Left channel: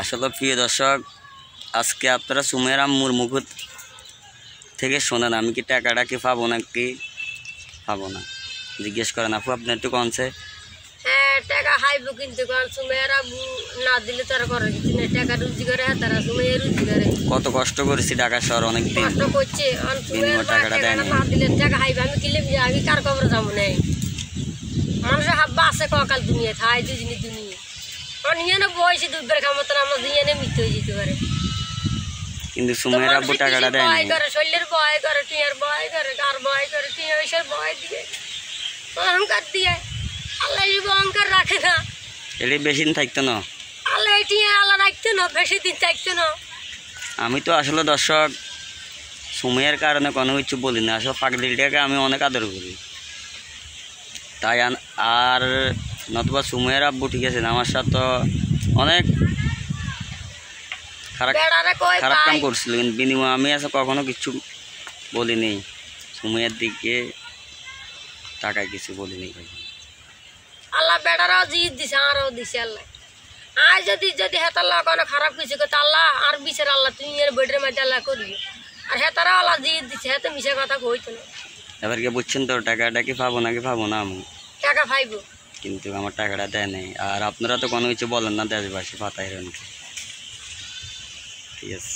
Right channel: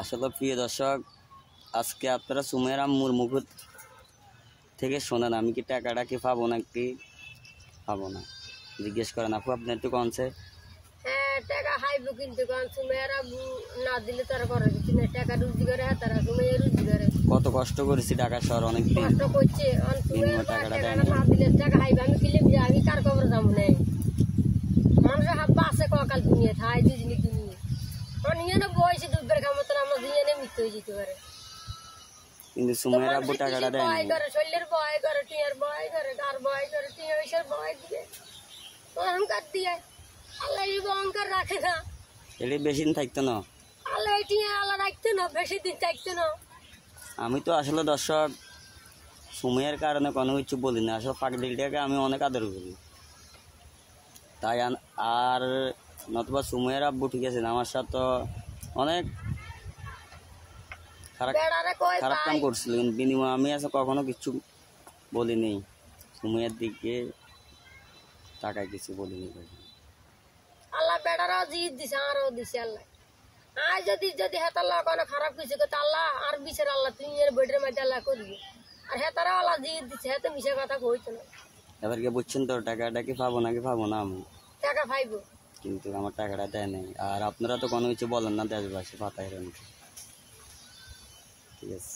আসলে প্রিয় দর্শক, আজকে আপনারা সুমের আম্মুর মুখ থেকে শোনেন আমি কি টাকাটা কি পাবো নাকি পাবো না, জিজ্ঞেস করেন আপু আপনি একটু কনছে। হ্যাঁ টাকা হাইবো কিন্তু কারণ সুমের আব্বু না দিলে তারা করে কিছু না, টাকা রুজি করে তারা সুমের রুজি করে। কত কষ্ট করেছি ঢাকা শহর অনেক দিন, কষ্ট করছে বিনিময় টাকাটা দেয়নি। না দিলে টাকা হাইবে আমি কিলে আমি কার খবর যাবো নাই মানুষের হাব্বা আছে ককাল তুমি থাই দুদিনই তুমি নিয়ে না বয়সে দুধের খামতন আমরা দিয়ে নে মৃত্যু হয়ে যেতে পারে। কিন্তু সুমের আব্বু টাকাটা দেয়নি। ভয় করে শরীরের ভয় করে টিয়ার ভয় করে কার ভয় করে টিয়া ওইসব ভয় দিয়ে অহংকার দিয়ে আল্লাহ অহংকার রাখে না। এটি বেশি দিন থাকতো না, আল্লাহ টিয়া আল্লাহ রাখতো না, বেশি দিন থাকতো না। আমি তো আসলে দর্শক সুমের কারণে কোনো কিছু বলি না, আসলে পাগলিটাকে আমি অনেক আদর করি তাই। আর নতুবা সুমের আব্বু ঠিক আছে আমার সাথে অনেক খারাপ কাম করছিল, কিন্তু বিনিময়ে আমি আছে কখনো কিছু বলিনি সুমের দিকে টাকায় কিছু বলিনি। আল্লাহ বেড়ারাও জিদ দিছে আরও দিছে আল্লাহ। আর যদি হেতাল্লাহ কোনো খারাপ কিছু করতে আল্লাহ আর বিচার আল্লাহ তুমি এর বেডের মধ্যে আল্লাহ করবি। আর হেতারাও আল্লাহ জিদ দিছে, হেতে মিশে কথা কইতো না। এবার কি বুঝছেন তো টাকাটা কি পাবো নাকি পাবো না আমি, টাকা পাইবো কিন্তু আমার টাকাটা দেয় নাই। আর আপনারা তো কোনো কিছু বলেন না দেশবাসী পাতায় ঠিক আছে।